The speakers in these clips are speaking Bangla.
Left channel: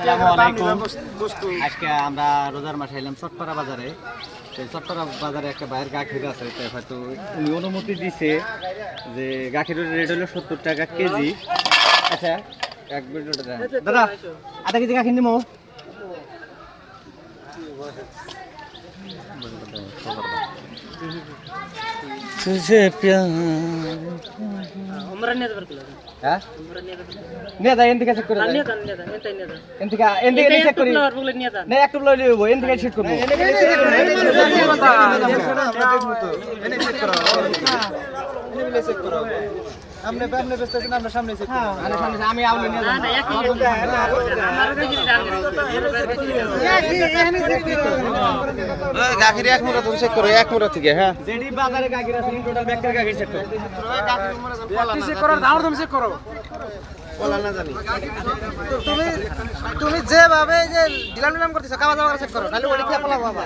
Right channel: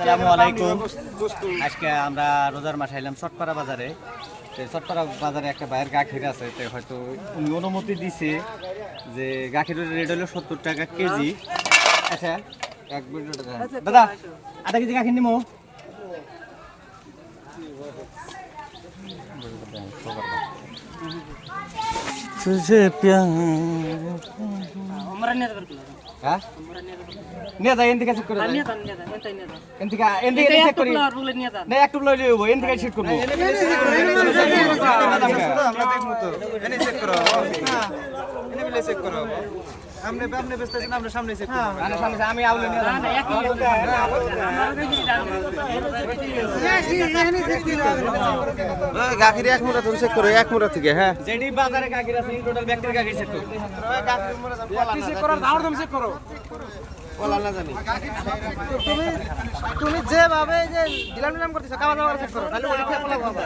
আসসালামু আলাইকুম। আজকে আমরা রোজার মাসে এলাম চটপাড়া বাজারে। সেই চটপাড়া বাজারে একটা ভাইয়ের গাখির আছে, তো হয়তো উনি অনুমতি দিছে যে গাখিরের রেট হলো 70 টাকা কেজি। আচ্ছা এক মিনিট দেন দাদা, আধা কেজি গাখির নিমো। তুঝে প্যার আমরা নিয়ে যাবার কি লাগে? হ্যাঁ নিয়ে যা, এনদিকে চেক করে নিয়ে যান, এনদিকে চেক করি না, একটু লই লইব, এনদিকে চেক করব। আমরা সামনে বেচতেছেন, আমরা সামনে চেক করব। আমি আউলি নিয়ে না না একই গাখির এক মুড়া তুমি চেক করো, এক মুড়া থেকে। হ্যাঁ যেডি বাজারে গাখির আছে টোটাল ব্যাগটার গাখির চেক করো। গাখির মুড়া কলা না চেক করো, দাও তুমি চেক করো। কলা না জানি তুমি যেভাবে যে ডিলাম করতেছ কাবা যাওয়ার চেক করো, নালে ওড়ি খেয়ে পলাবো বাবা।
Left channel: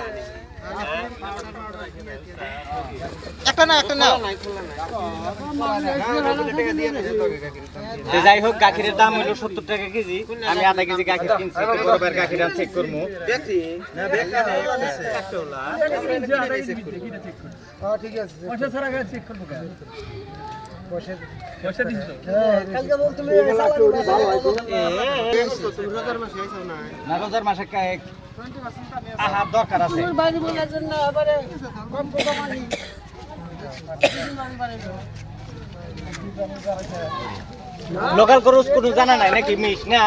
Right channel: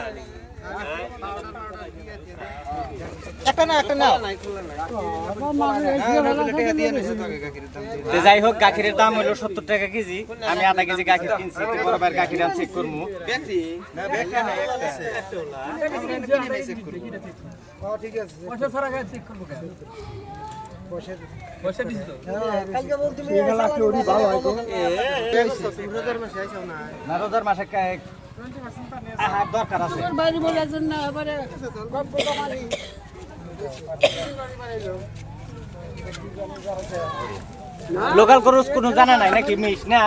একটা না যাই হোক, গাখিরের দাম হলো 70 টাকা কেজি। আমি আধা কেজি গাখির কিনছি, তো বরাবর গাখির আমি চেক করবো। না রোজার মাসে আহার দরকার আছে। লোকাল গরুস কোনো জানা নাই নাকি? মিশ না,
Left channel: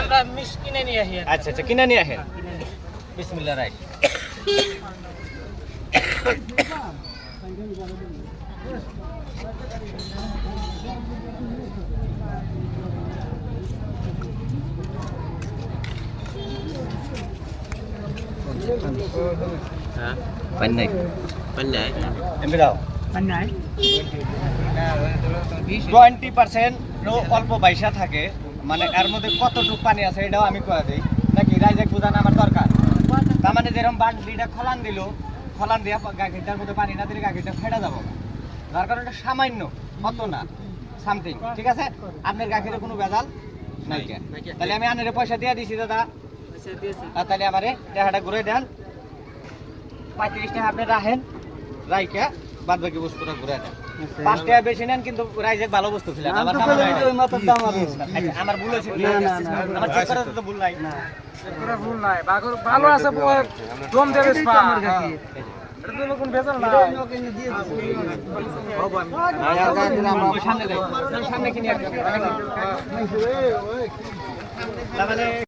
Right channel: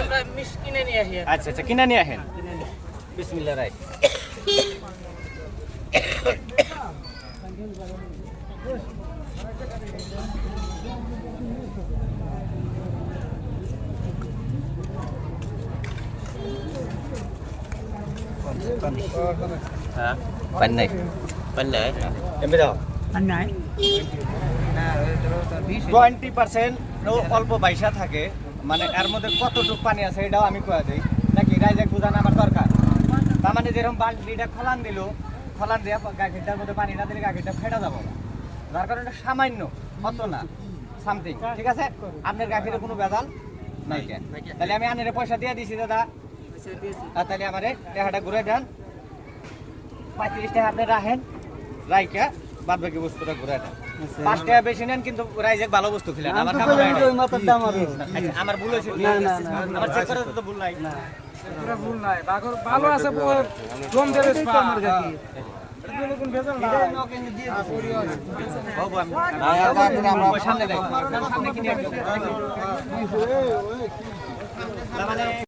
আমরা মিশ কিনে নিয়ে আসি। আচ্ছা আচ্ছা, কিনে নিয়ে আসেন। বিসমিল্লাহ রাই। Pandai এমনি দাও 20% অল্প বাইসা থাকে, মানে এর মধ্যে কতটুকু পানি আছে এটাও আমি কয়ে দিই নাকি? রাইজাক বুঝানো আমার দরকার। তার মানে যেরকম বালতিটা খলান দিল, খলান দিয়া গাখিরটার মধ্যে পানি না দিলে গাখিরটা ফেটা যাবো, যার কারণে সামান্য হতো না সামথিং। ঠিক আছে, আপনার গাখিরে কোনো ভেজাল নাই কেন? তাহলে আমি আনের পয়সা দিয়ে দিছি দাদা, তাহলে আমারে টাকাটা ঘুরে দেন। 35 টাকা আপনি রাখেন, রাইকা বাদ বাকি বস্তুটা ঘুরে দেন। 5 টাকা বেশি নেন, কিন্তু রাইজেক ভালো বস্তু ছিল। আমার ভুল হয়েছে, আমার চেক করাতে তো ভুল নাই। ভালো আছে কম দেবে আমার গাকি। সামনে কিনে